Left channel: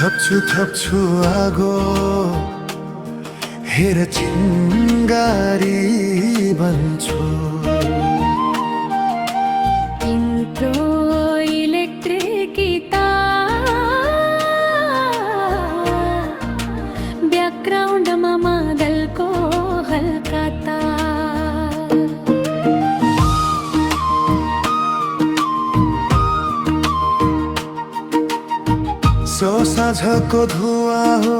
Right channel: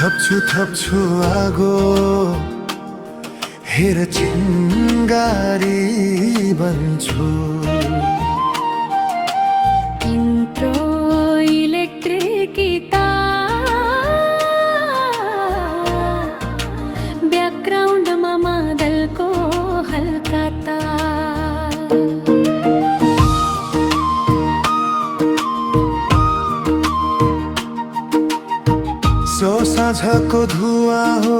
थप्छु आगो हेर चिङ्गारी बन्छु तिम्रो इलेक्ट्रिक ब्याकग्राउन्डमा मादलको हल्का तार सो साँझको धुवा हो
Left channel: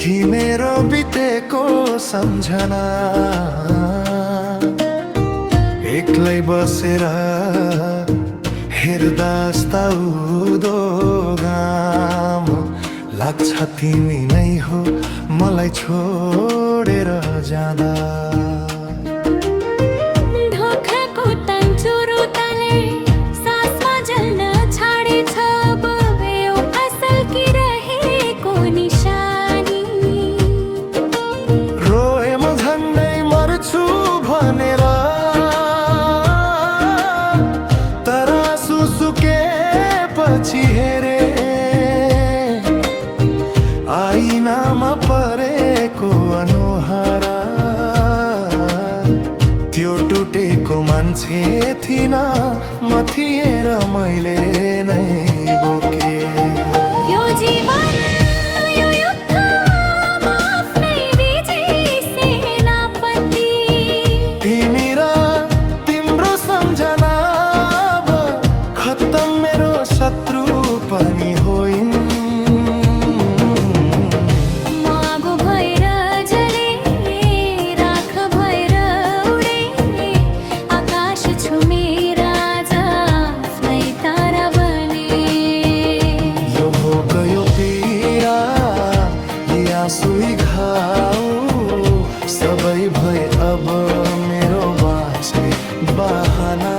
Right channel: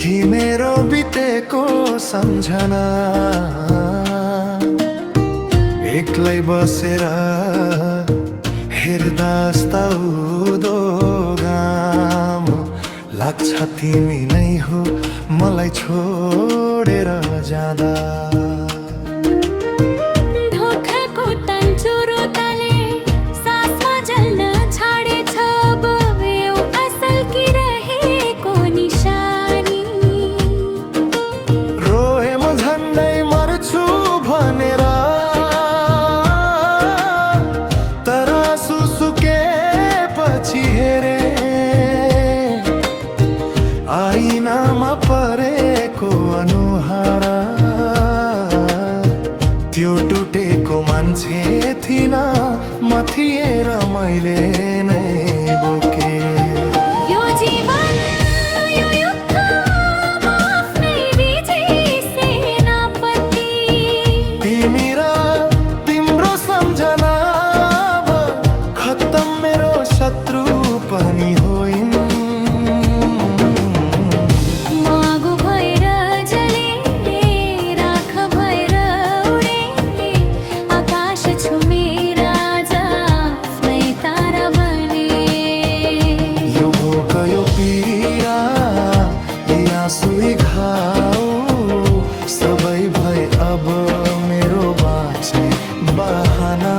कि मेरो बितेको सम्झना एक्लै बसेर हेर्दा उदो घाम लाग्छ तिमी नै हो मलाई छोडेर जाँदा ढोकाको तान्चुरो ताले सासमा जल्न छाडेछ बब्यो असल कि रहेको निशानी रोए म झन्डै मर्छु भनेर तर सुसुकेपछि हेरे आइनामा परेको अनुहार त्यो टुटेको मान्छे थिइन म थिएर मैले नै बोके यो जीवन यो युद्धमा आफ्नै विजयी सेनापति तिमी र तिम्रो सम्झना अब खत्तम मेरो शत्रु पनि होइन यो पीडा यी आँसुई घाउ सबै भए अब मेरो बाँच्ने बहाना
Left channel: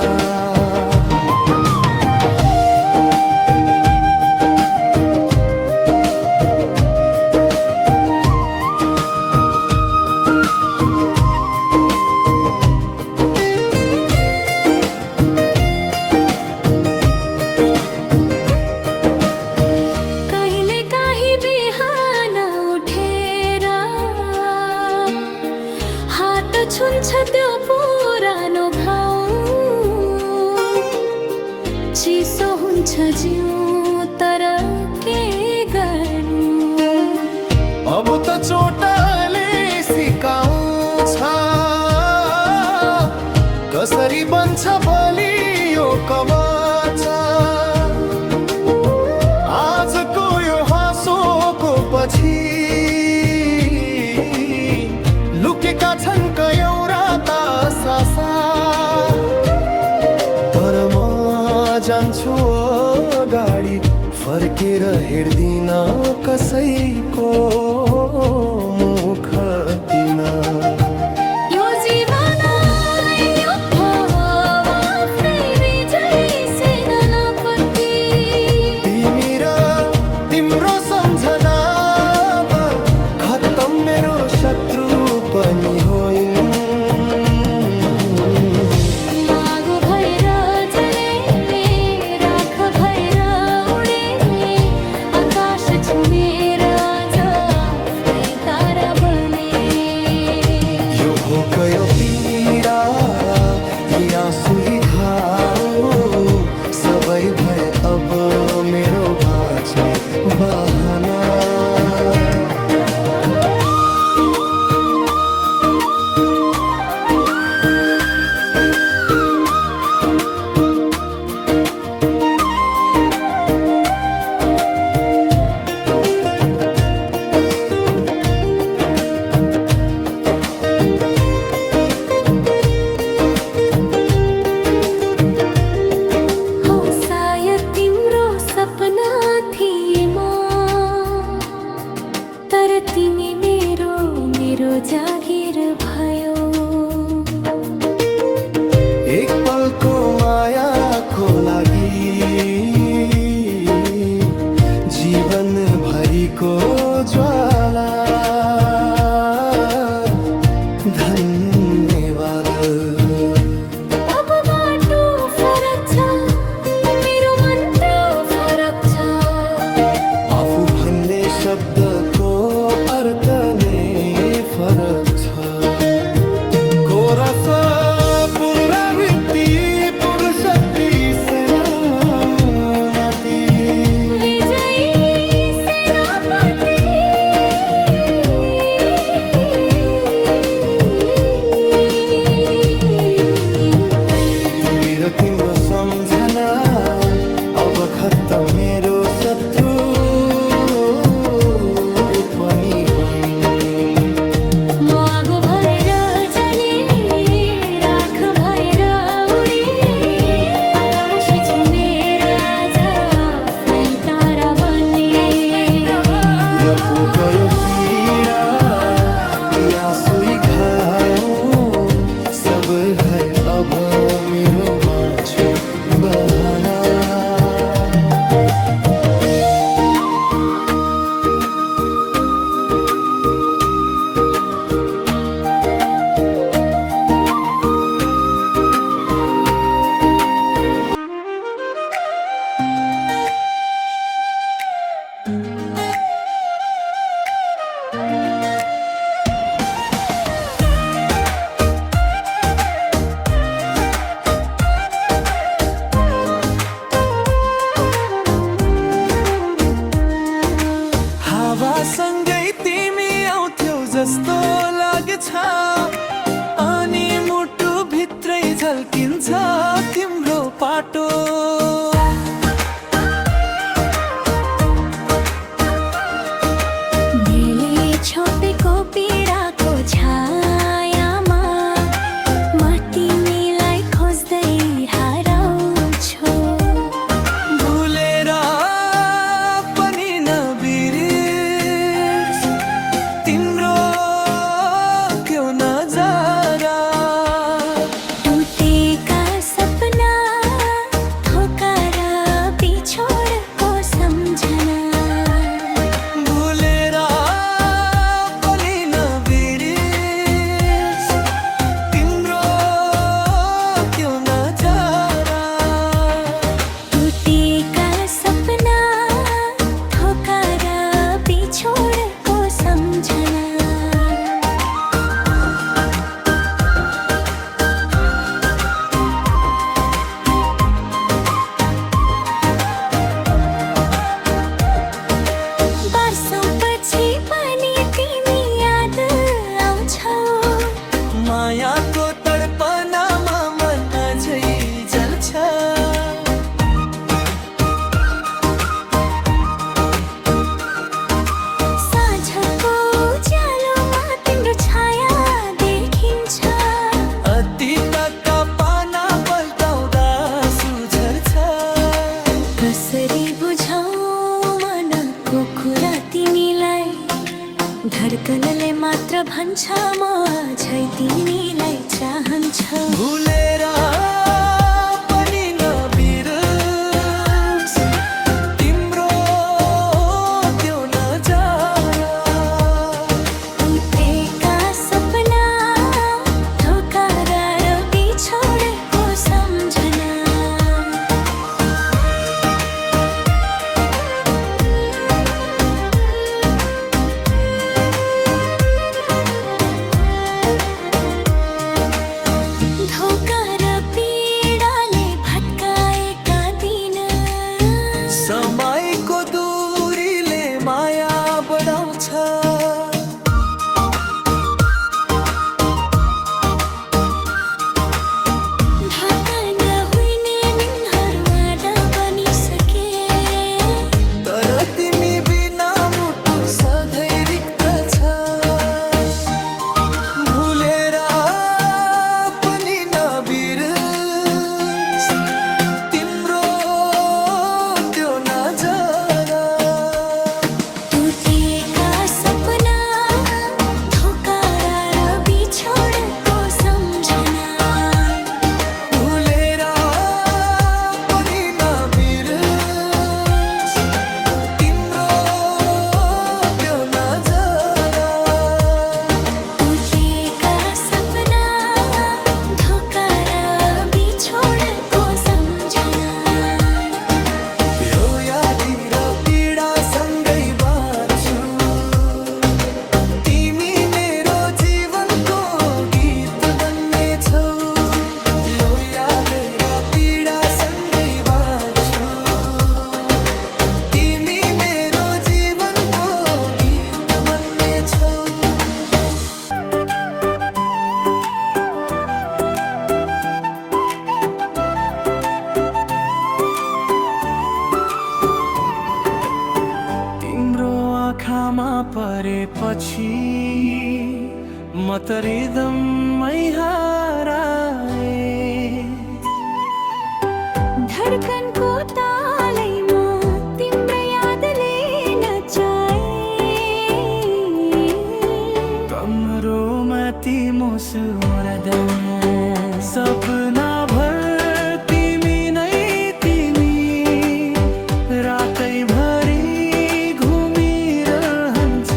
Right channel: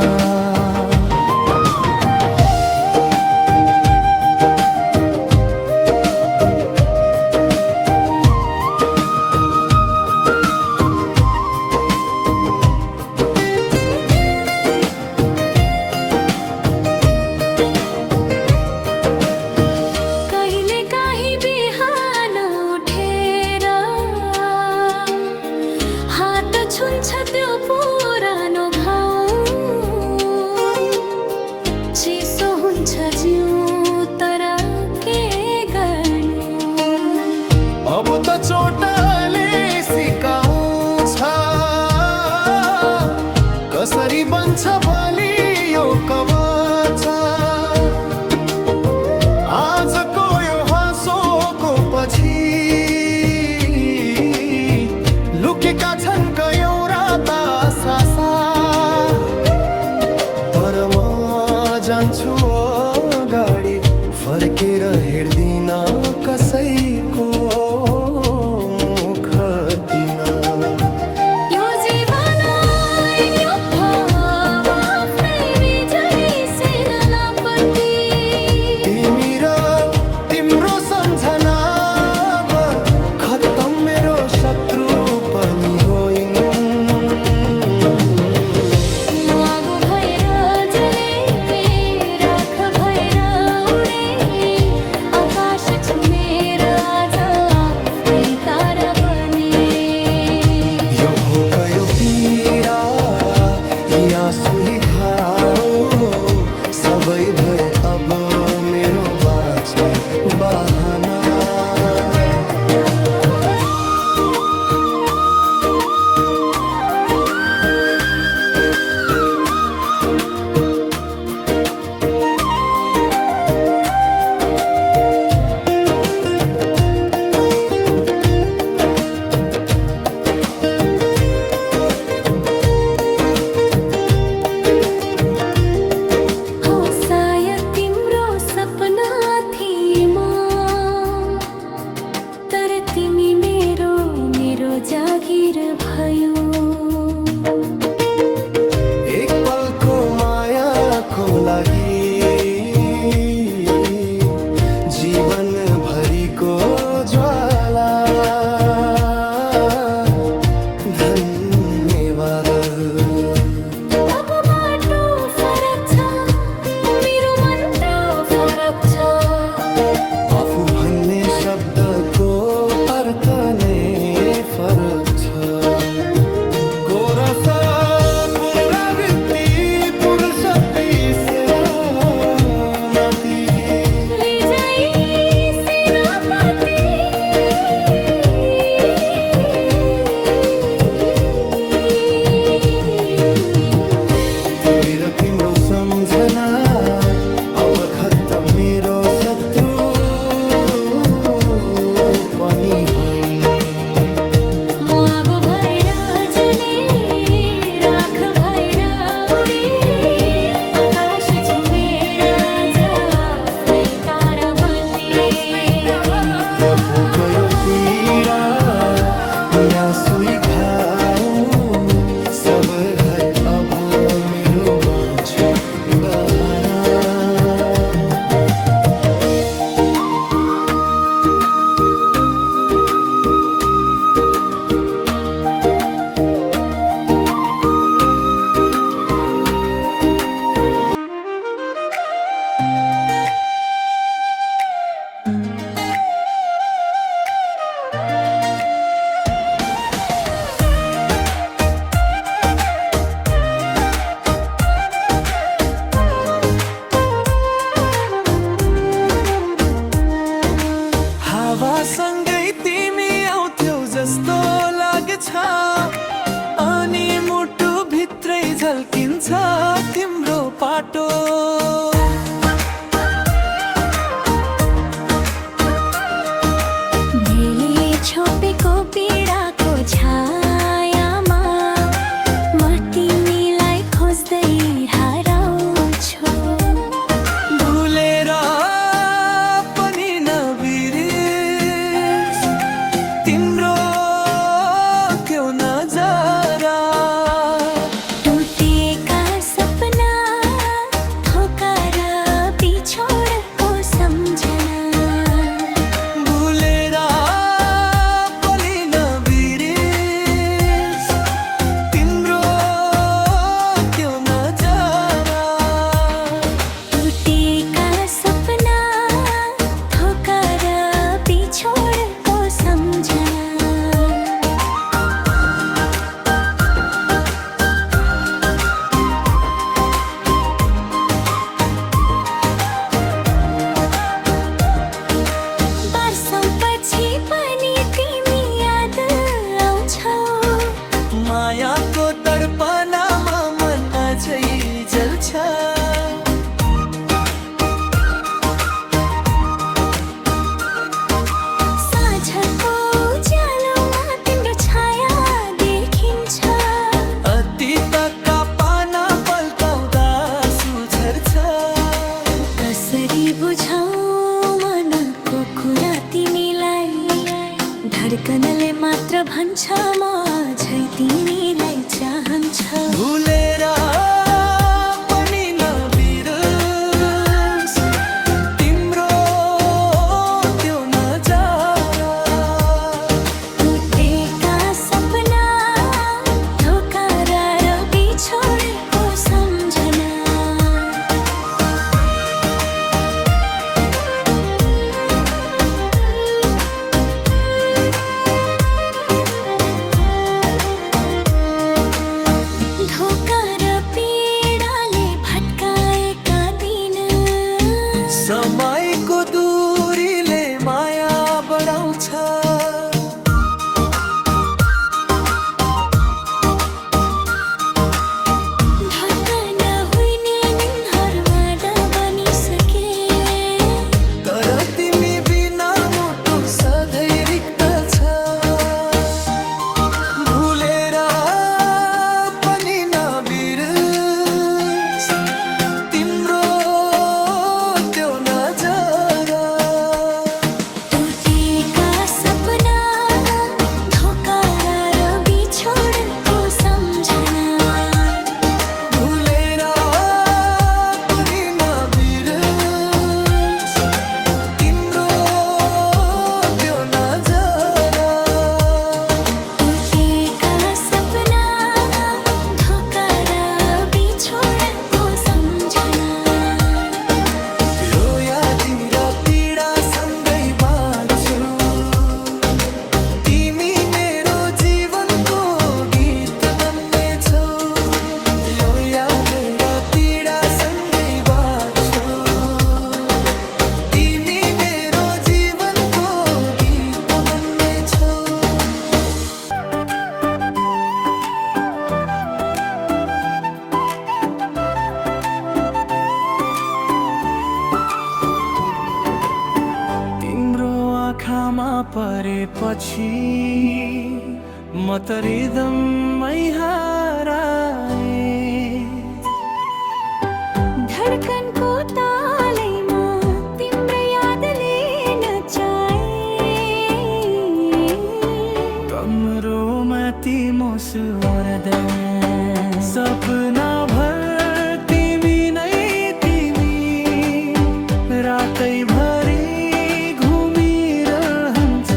छुन्छ त्यो पुरानो घाउ चिसो हुन्छ जिउ तर के गर्नु अब त चोटले सिकाउँछ कसरी बन्छ बलियो कवच आजको यो हाँसोको पछि लुकेका छन् कयौरा सासा तर म जान्छु अगाडि फर्केर हेर्दिन कसैको मुख दिन यो जीवन आफ्नै विजयी सेनापति तिमी र तिम्रो सम्झना खत्तम मेरो शत्रु पनि होइन मागो भएर जले राख भएर उडे आकाश छुमेर आज आफ्नै तारा बने यो भोक यो पीडा यी आँसुई घाउ सबै भए अब मेरो बाँच्ने बहाना तिमी मेरो जागिर भयो एक पलको मायाको लागि जीवन भरिको ज्वाला धन्यवाद अब बाटो फरक छ मेरो मन त भन्ने शब्दको अर्थ नै फरक छ। कोरस पुनरावृत्ति पुरुषक्ति सेनापति विजयी सेनापति तिमी र तिम्रो सम्झना अब खत्तम, मेरो शत्रु पनि होइन। मागो भएर जले राख भएर उडे आकाश छुमेर आज आफ्नै तारा बन्ने। यो पोकयो पीडा या सुई घाउ सब है अब मेरो बाँचो बहाना। हावासँगै तिमी आउँथ्यौ जस्तो लाग्छ, अनि मुटु भित्रै झल्किन्छ तिम्रो पाटो। मैले छोपेको पीडाको छायामा म तिमीलाई खोज्दै हराउँछु। भुलेर पनि नबिर्स तिम्रो क्यों नजरा। टुटेका सपना धोका र बिछोडको सम्झना। भुलेर पनि नबिर्स तिम्रो क्यों नजरा। टुटेका सपना धोका र बिछोडको सम्झना। वर्षौंपछि पनि तिमी याद आउँछौ। मायाको तडपनामा मन अझै जल्छ। साँझको उज्यालोमा तिम्रो छाया देखिन्छ। अतीतका पाना पल्टाउँदा सुझर्छ। कसरी बुझाऊ मनको कुरा तिमीलाई, धड्कनले मात्र भन्छ म अझै तिमीलाई चाहन्छ। भुलेर पनि नबिर्स तिम्रो त्यो नजारा। टुटेका सपना धोका र बिछोडेको सम्झना। धोका र पीडाले भट्काएका दिन, समयको दूरीले माया बढाउँछ। ढाका नहुने निन्हरू आधा बनिसके। तर तिमी बिना मुटु सधैँ रिक्त छ। भुलेर पनि नबिर्स तिम्रो त्यो नजरा। टुटेका सपना मायामा परेपछि म त रिदममै हराए। धडकनको तालैमा तिम्रो यादले नचाए। कमरोमा तिम्रो सुहाउँदै सपना भर तिमी नै तिमी रातैभरि घुमिरहन्छ।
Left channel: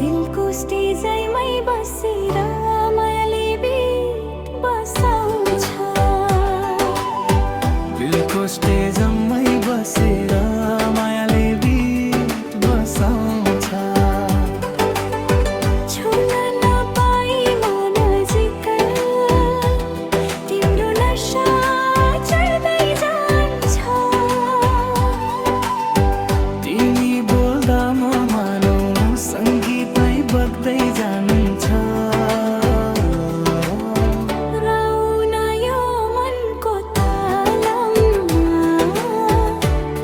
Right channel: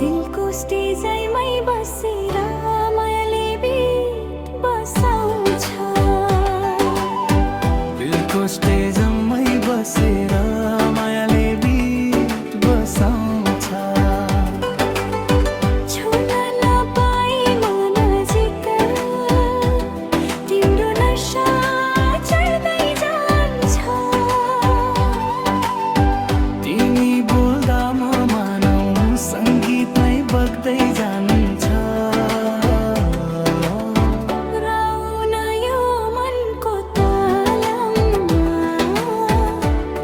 दिलको स्टेजमै बसेर मायाले बिट बसाउँछ। दिलको स्टेजमै बसेर मायाले बिट बसाउँछ। छुन नपाई मन जिक्का तिम्रो नशा चढ्दै जान्छ। तिमी बोल्दा म मानौ सङ्गीत नै बग्दै जान्छ। राउन यो मनको तालमा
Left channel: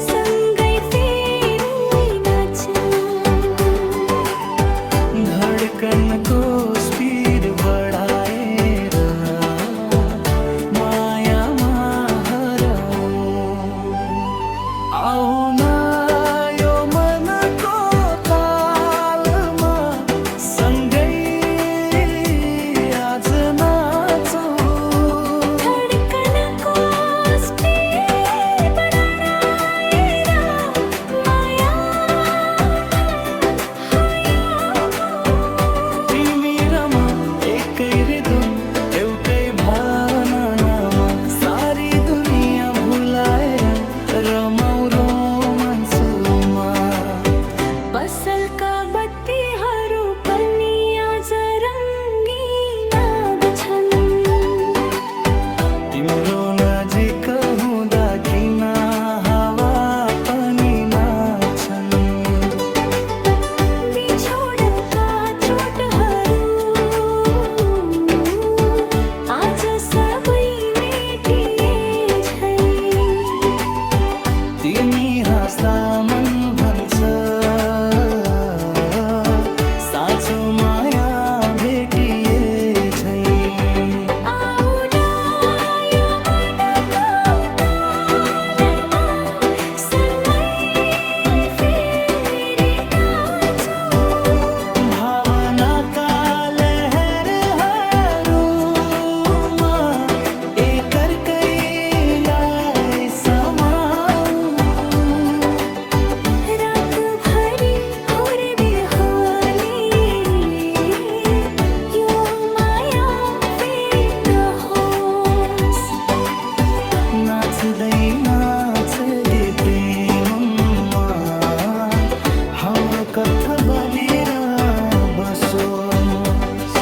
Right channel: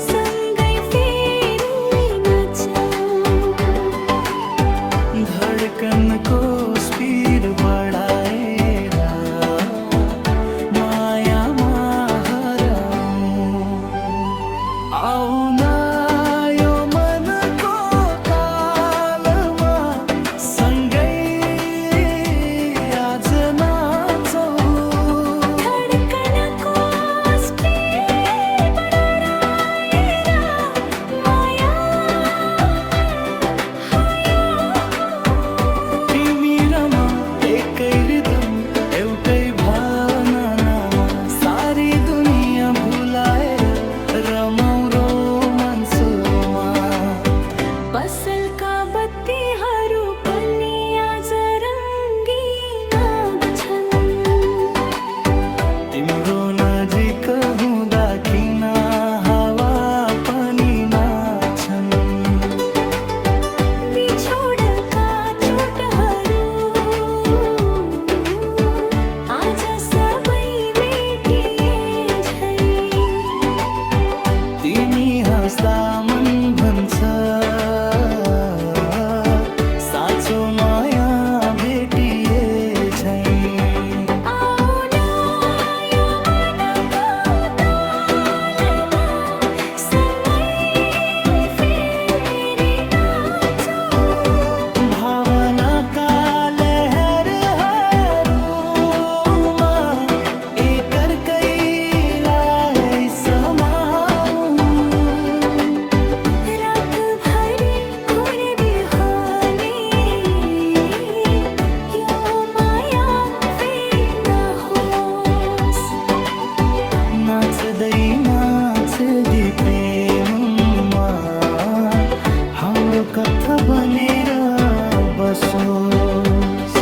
सँगै फेरि नाचौँ। धडकनको स्पिड बढाएर मायामा हराउँ। आउन यो मनको तालमा सँगै आज नाचौँ। धडकनको स्पिड बढाएर तिमी र म एकै रिदम एउटै भावनामा सारी दुनियाँ भुलाएर रमाउँ रोमान्समा। पसलका बत्तीहरू पनि आज रङ्गीन छन्। तिम्रो नजिक हुँदा किन हावा पनि नाच्छन्। बिछोडका चोटहरू आज सबै मेटिए झै। तिमी हाँस्दा मन भन्छ साँचो माया भेटिए झै। आउन यो मनको तालमा सँगै फेरि नाचौँ। भावनाका लहरहरूमा एकअर्कैलाई समाउँ। रातभरि घुरबिहानी यो माया फेरि नहोस्। नाच्दै नाच्दै प्रेममा हाम्रो कथा बनेर बसोस्।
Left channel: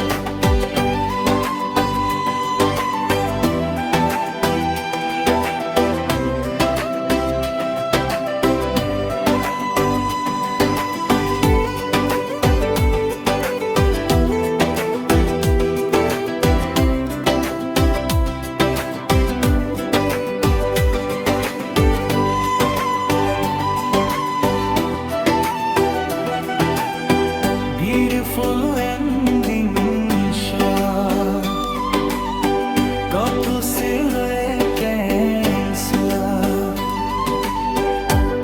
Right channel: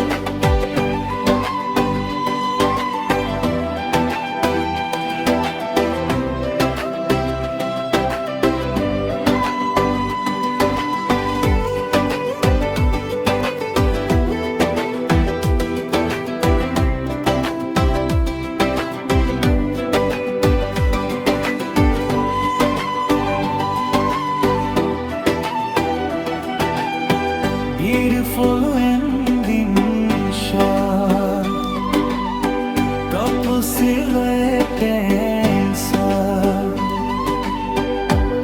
Beautiful ending shot, couple silhouette dancer.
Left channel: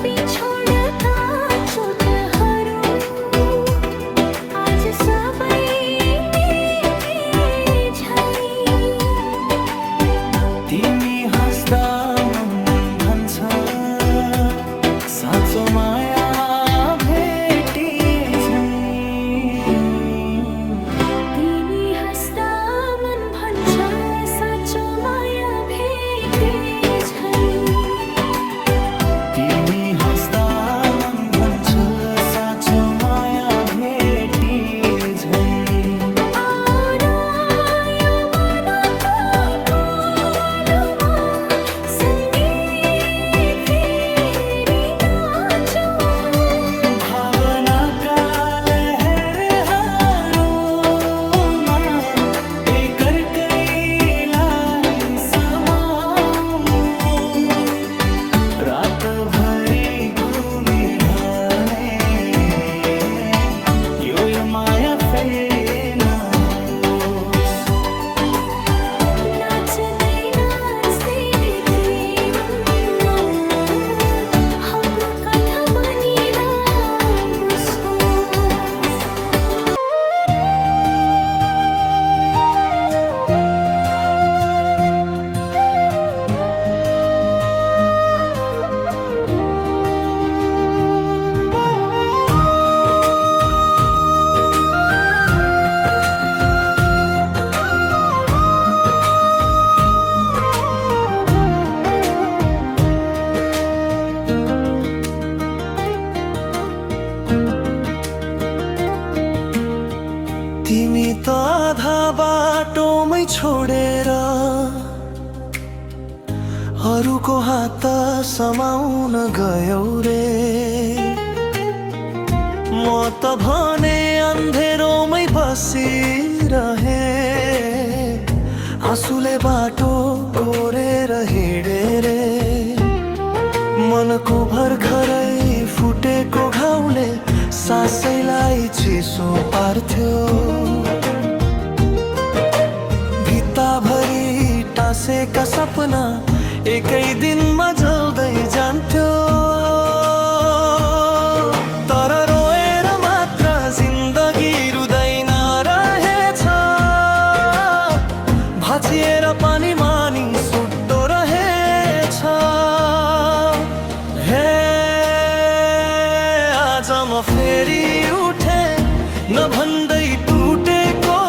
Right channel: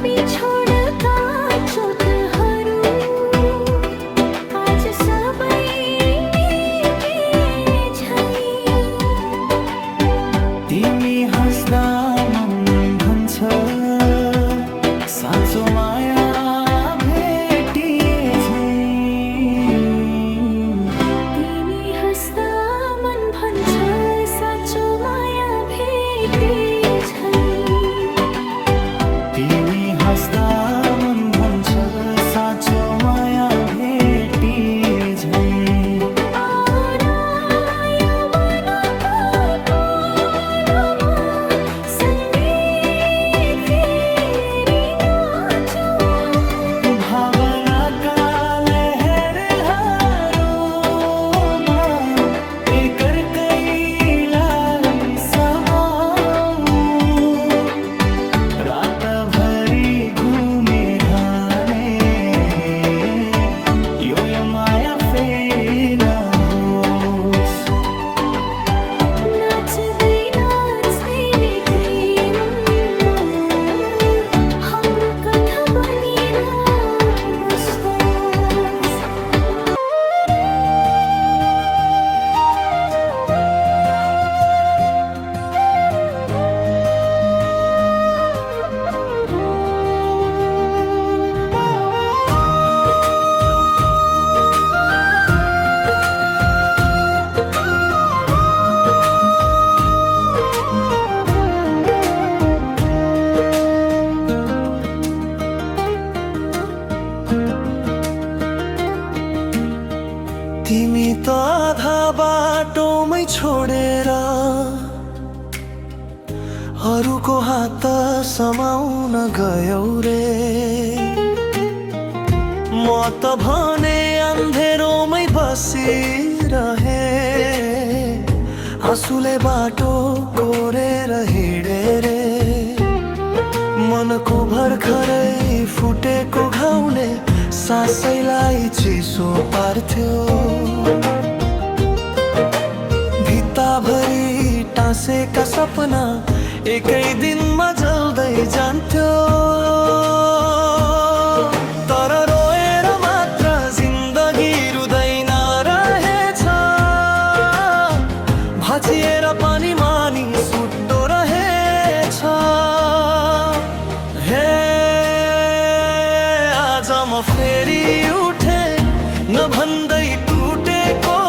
बिछोडका चोटहरू आज सबै मेटे झै। तिमी हाँस्दा मन भन्छ साँचो माया भेटिए झै। तिमी हाँस्दा मन भन्छ साँचो माया भेटिए झै। तिमी हाँस्दा मन भन्छ साँचो माया भेटिए झै। आउन यो मनको तालमा सँगै फेरि नाचौँ। भावनाका लहरहरूमा एकअर्कैलाई समाउँ। रातभरि घुमिरहन्छ। छोडेर अरूको हात समाउन गयौ रे। म त भने अन्धेरोमै बसिरहे, आँसुले बाटो कोरेर हिँडे रे। मनको भर्खरै फुटेको घाउले सासैलाई चिसो पार्थ्यो। भित्ताभरि टाँसेका सपना एकै दिनमा जल्दै जान्थ्यो। तर रोएर मात्र जिन्दगी रुँदैन रहेछ, भाँचिएर पनि मानिस उठ्दो रहेछ। हे आज म फेरि उठे नभन्दै टुटेको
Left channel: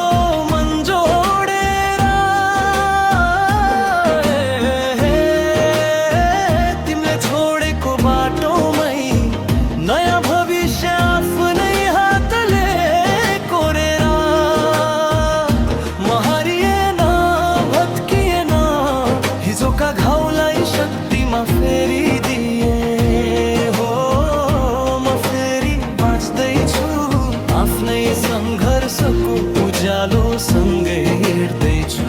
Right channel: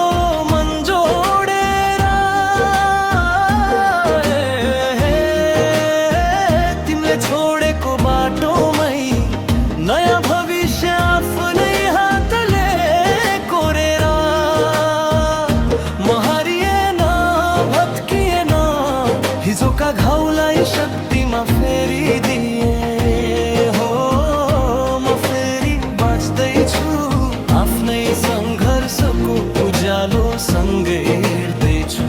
मन जोडेर। तिमीले छोडेको बाटोमै नयाँ भविष्य आफ्नै हातले कोरेर। म हारिएन भत्किएन, हिजोका घाउलाई शक्तिमा फेरिदिए। हो म फेरि बाँच्दैछु, आफ्नै सङ्घर्षको उज्यालो सँगै हिँड्दैछु।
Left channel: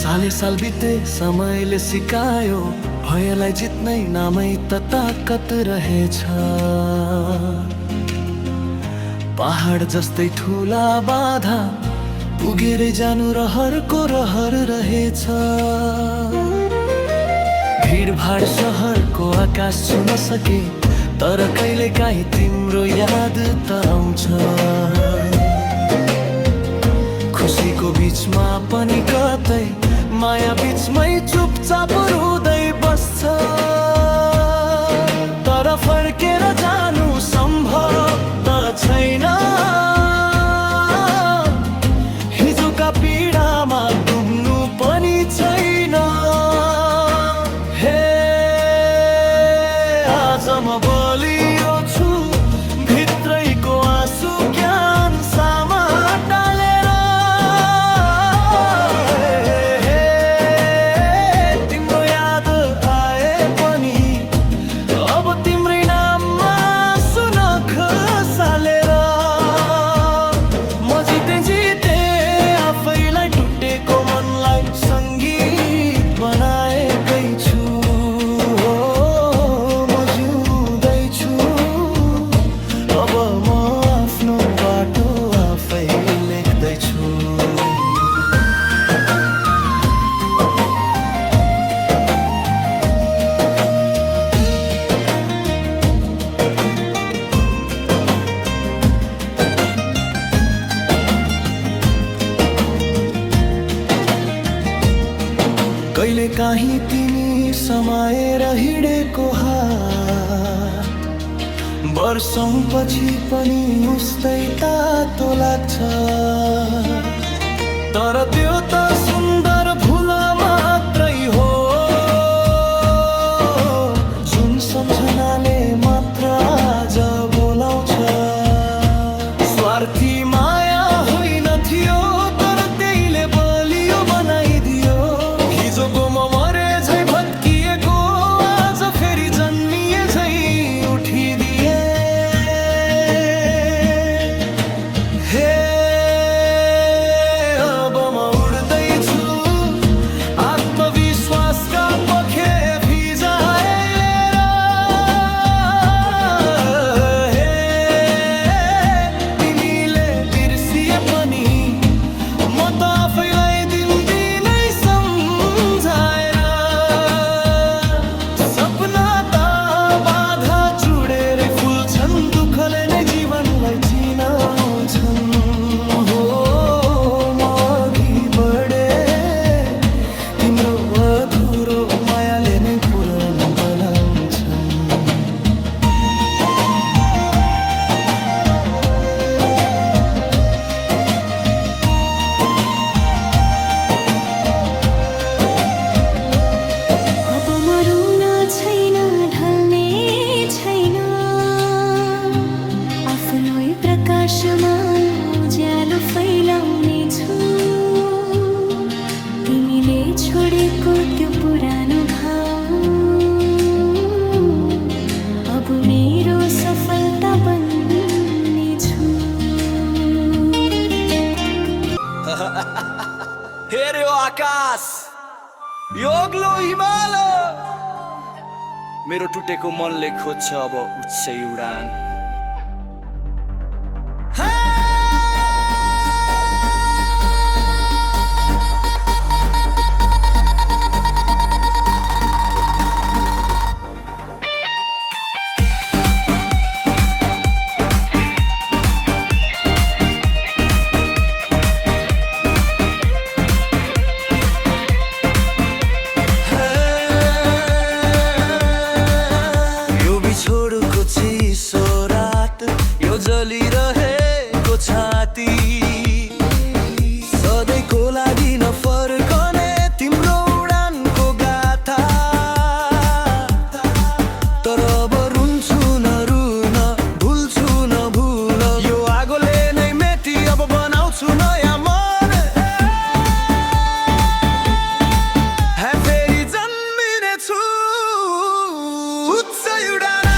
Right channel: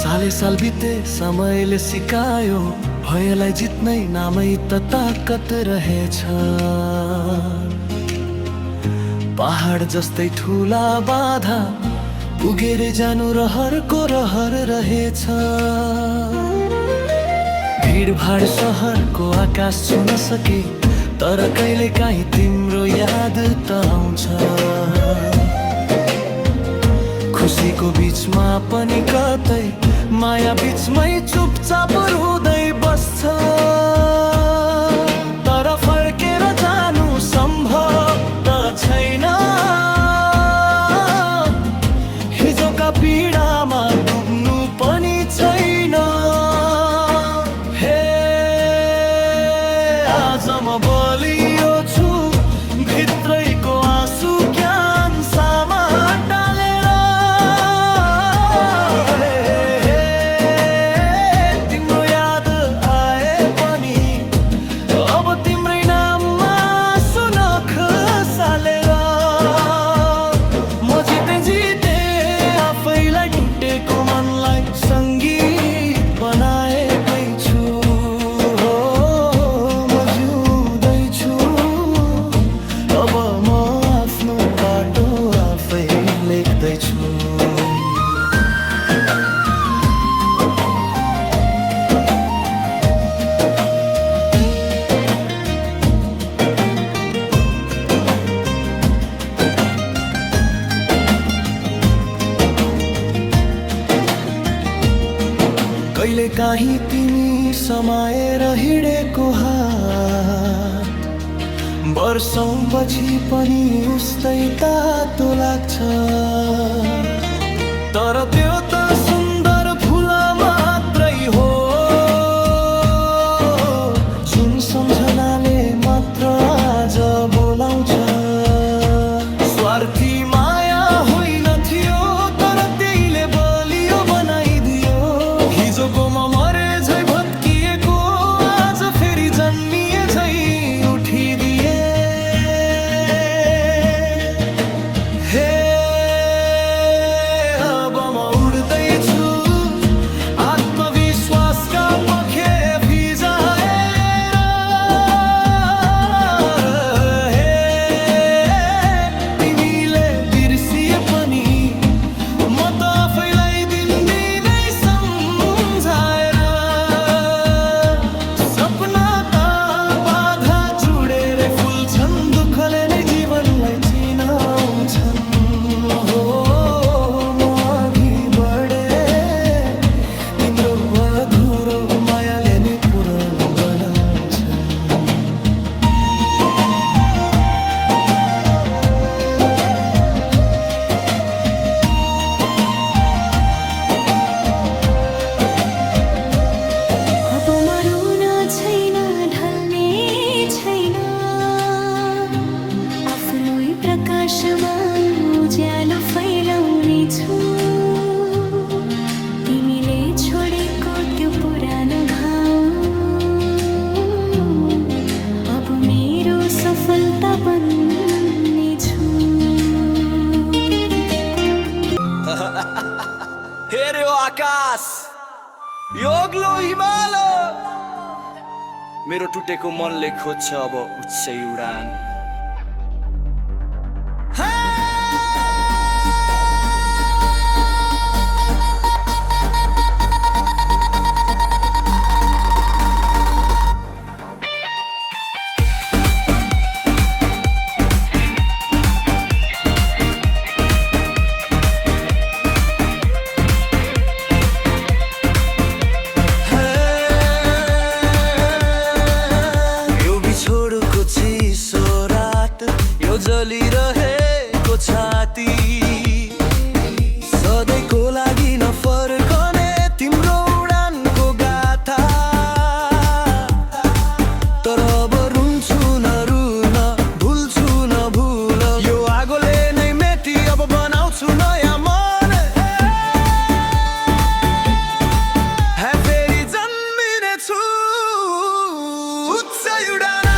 साले साल बिते समयले सिकायो, भयलाई जित्नै नामै त ताकत रहेछ। पहाड जस्तै ठुला बाधा पुगेरै जानु रहरको रहर रहेछ। भिडभाड सहरको आकाश छुन सके, तर कहिले काहीँ तिम्रो याद त आउँछ। खुसीको बिचमा पनि कतै माया बिचमै चुपचाप रुँदै बस्छ। तर फर्केर जानु सम्भव त छैन, हिजोका पीडामा डुब्नु पनि छैन। हे आज म बलियो छु, भित्रैको आँसु क्यान्सामा टालेर। तिम्रो याद आए पनि अब तिम्रै नाममा सुनख सालेर। म जिते आफैलाई टुटेको मनलाई सङ्गीत बनाएकै छु। हो म जिउँदैछु, अब म आफ्नो बाटो आफै लेख्दैछु। कहिले काहीँ तिमी समाएर हिँडेको हात वर्षौं पछि पनि उस्तै तातो लाग्छ। तर त्यो त सुन्दर भुल मात्रै हो, जुन सम्झनाले मात्र आज बोलाउँछ। स्वार्थी माया होइन थियो, तर त्यहीले बलियो बनाइदियो। हिजोको म मरे झै भत्किएको, आज फेरि जन्मिए झै उठिदिए। हे अब म उड्दैछु, आत्मविश्वासका पखे फिजाएर। हे तिमीले बिर्सिए पनि म त आफैलाई दिनदिनै सम्झाएर। सपना त बाधा चुडेरै फुल्छन्, दुःखले नै जीवनलाई चिनाउँछन्। हो म अघि बढे, तिम्रो अधुरो मायाले नै पूर्ण बनाउँछन्। आकाशमा उज्यालो फैलाउने छु तिमीले छोडेको त्यो पुरानो घाउ अब मेरो सफलता बन्ने छु हेऱ्यो आकाश यो अग्लो हिमाल मेरो टुटेको मनले खोज्छ अब उच्चै उडान जलिरहेको छाती सधैँको लागि नफर्कने तिम्रो उडानको गाथा तर अब रुन्छु न रुन भुल्छु न भुल यो आगोले नै मेटी अब बनाउँछु नयाँ मन फेरि जन्मिने छु उच्चै उडान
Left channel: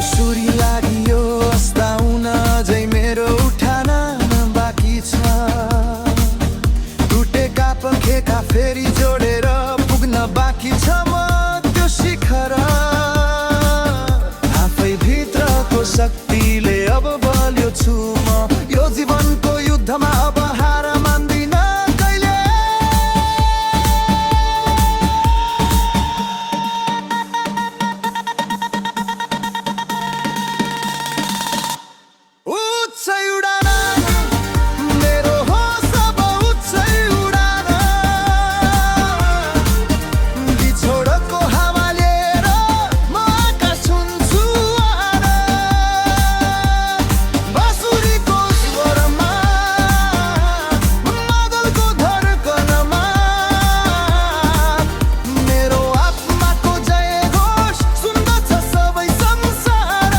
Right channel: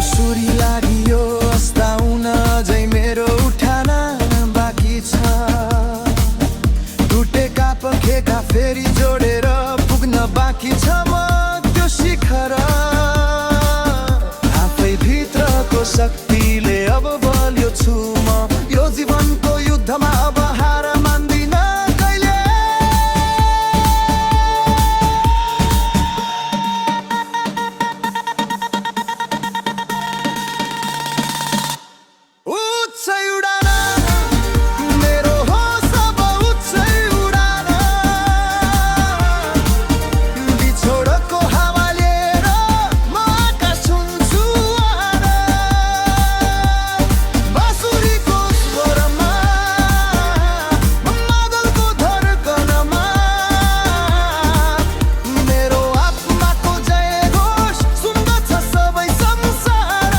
सूर्य लाग्यो अस्ताउन अझै मेरो उठान बाँकी छ टुटेका पखेका फेरि जोडेर पुग्न बाँकी छ म त्यो शिखर आफै भित्रको शक्तिले अब बलियो छु म यो जीवनको युद्धमा अब हार मान्दिन कहिले उच्चै उडान मेरो होस अब उच्चै उडान बिछोडको हावा लिएर म आकाश छुन्छु बाँसुरीको स्वरमा मादलको धड्कनमा मेरो आत्माको जय घोष सुन्दछ सबै संसार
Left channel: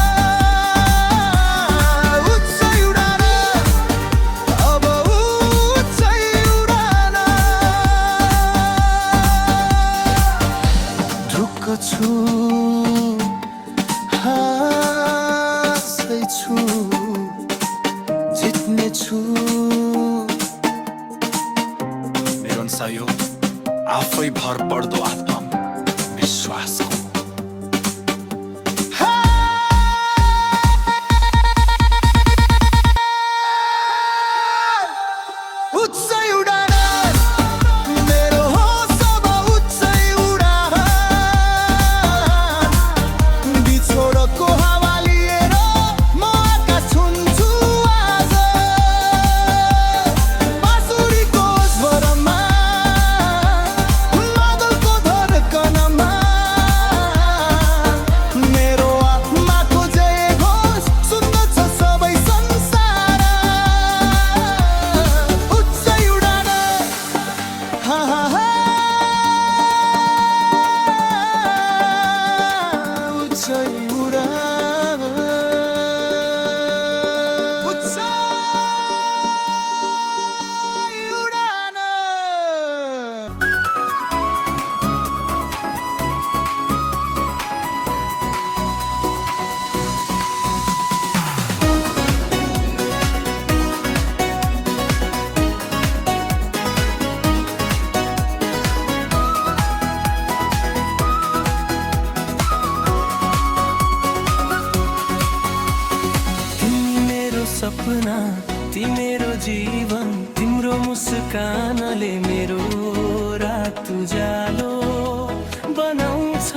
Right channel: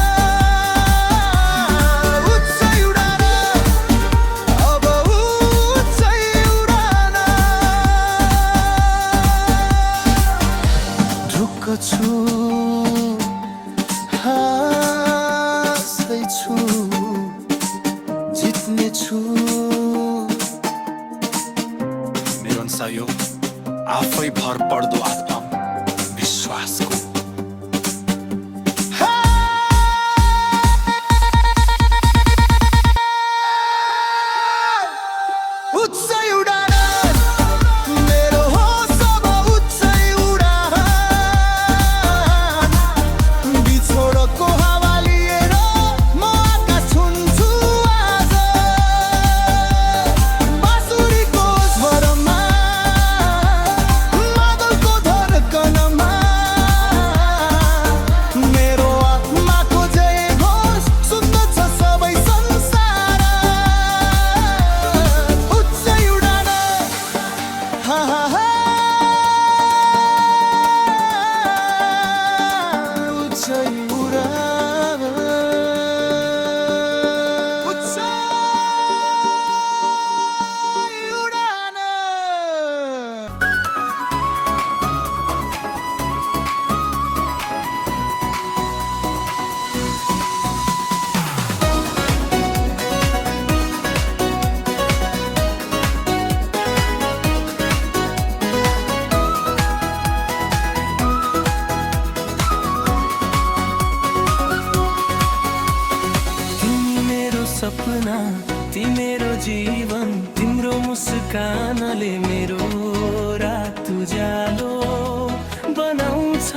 छु हाँस्दैछु जित्ने छु मेरो यो आफै भर पर्दो आत्मा विश्वासको उच्चै उडान सपना तिम्रो जीवन तिम्रो मुस्कानले मेरो रात उज्यालो बनाउँछ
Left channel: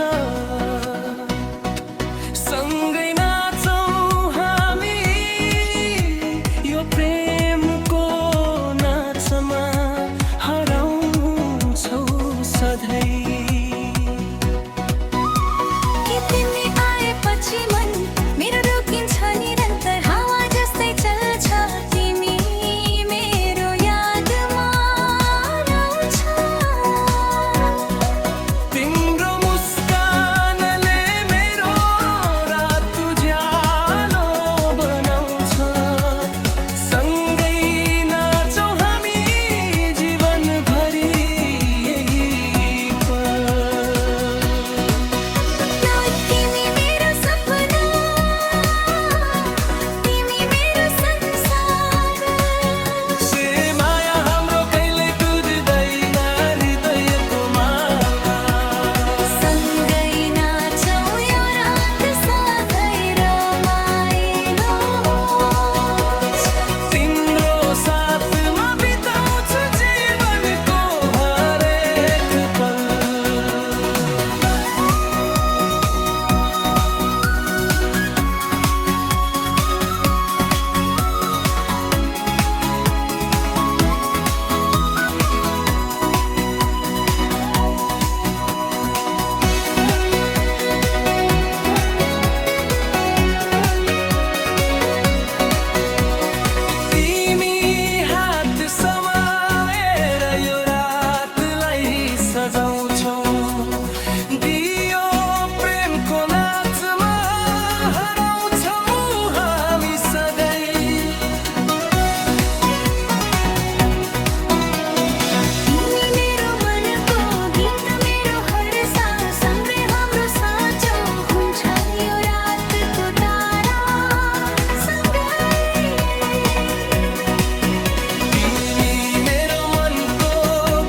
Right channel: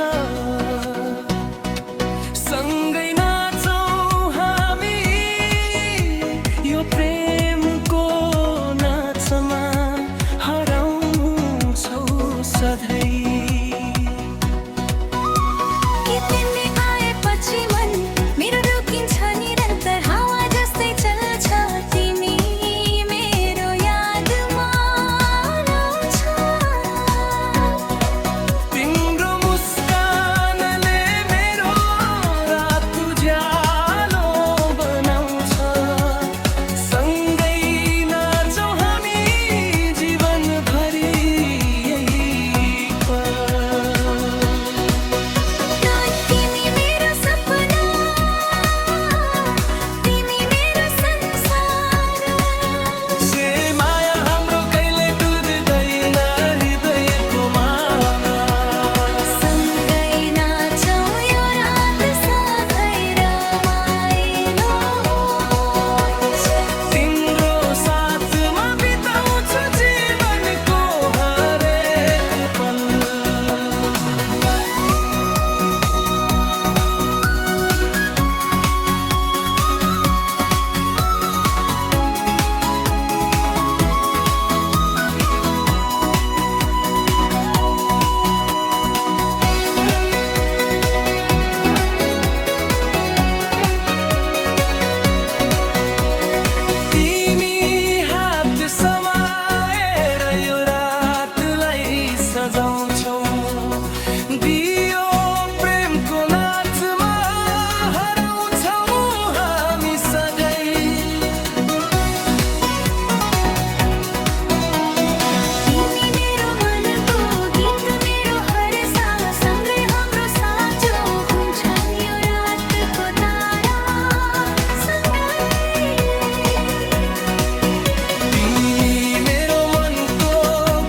सँगै नाचौँ हामी यो प्रेमको नाचमा हराउँछौ सधैँ के तिमी आएपछि मन मेरो रोकिन्छ निरन्तर हावा जस्तै चल्छ तिमी मेरो यादमा आउँछ तिम्रो मुस्कानले मेरो रात उज्यालो बनाउँछ सँगै नाचौँ हामी जीवनभरि यही पल तिमी मेरो सपना तिमी मेरो संसार से माया हाम्रो कहिल्यै टुट्दैन हृदयको माला सँगै नाचौँ यो रात सधैँ रमाइलो होस् तिम्रो साथमा बिताउँछ जीवनको हरेक पल तिमी हात समाएर यो रातलाई सजाउँछौ दियो प्रेमको नाचमा हराउँछौ हामी सधैँ तिमी मेरो मनको गीत मेरो हर सास सँगै हाम्रो साँचो हुन्छ यो रातको तारा सँगै तिमी मेरो मनको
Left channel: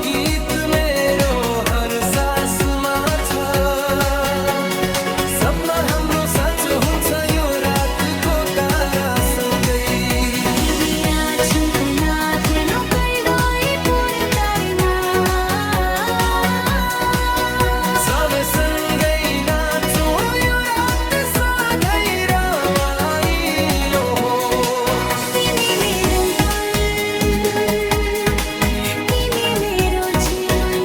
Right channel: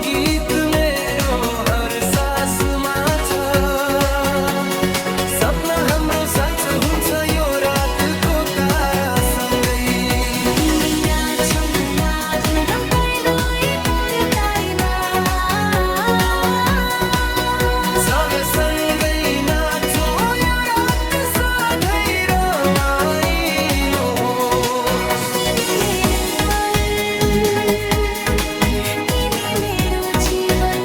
गीत मेरो हर सासुमा छ सपना हाम्रो साँचो हुन्छ यो रातको तारा सँगै तिमी राछन्तना खेलो कहिल्यै पुर्ताइमा सब सँगै नाचौँ यो रात सधैँ रमाइलो होस् तिमी निरन्तर तिमी मेरो जीवन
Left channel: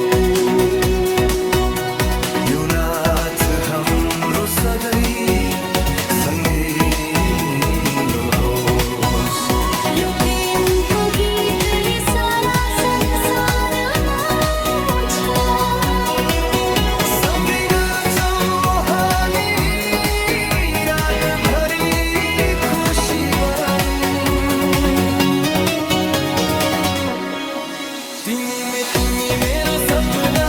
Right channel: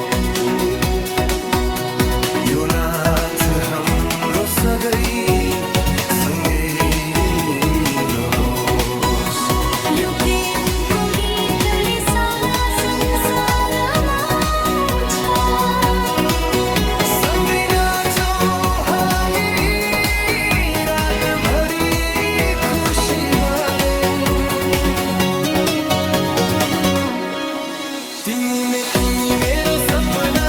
यो नाच हाम्रो सधैँ सँगै मिलो होस् यो प्रेमको गीतले सारा संसारमा आउँछ सँगै नाचौँ हामी रातभरि खुसी बारौँ तिमी मेरो सपना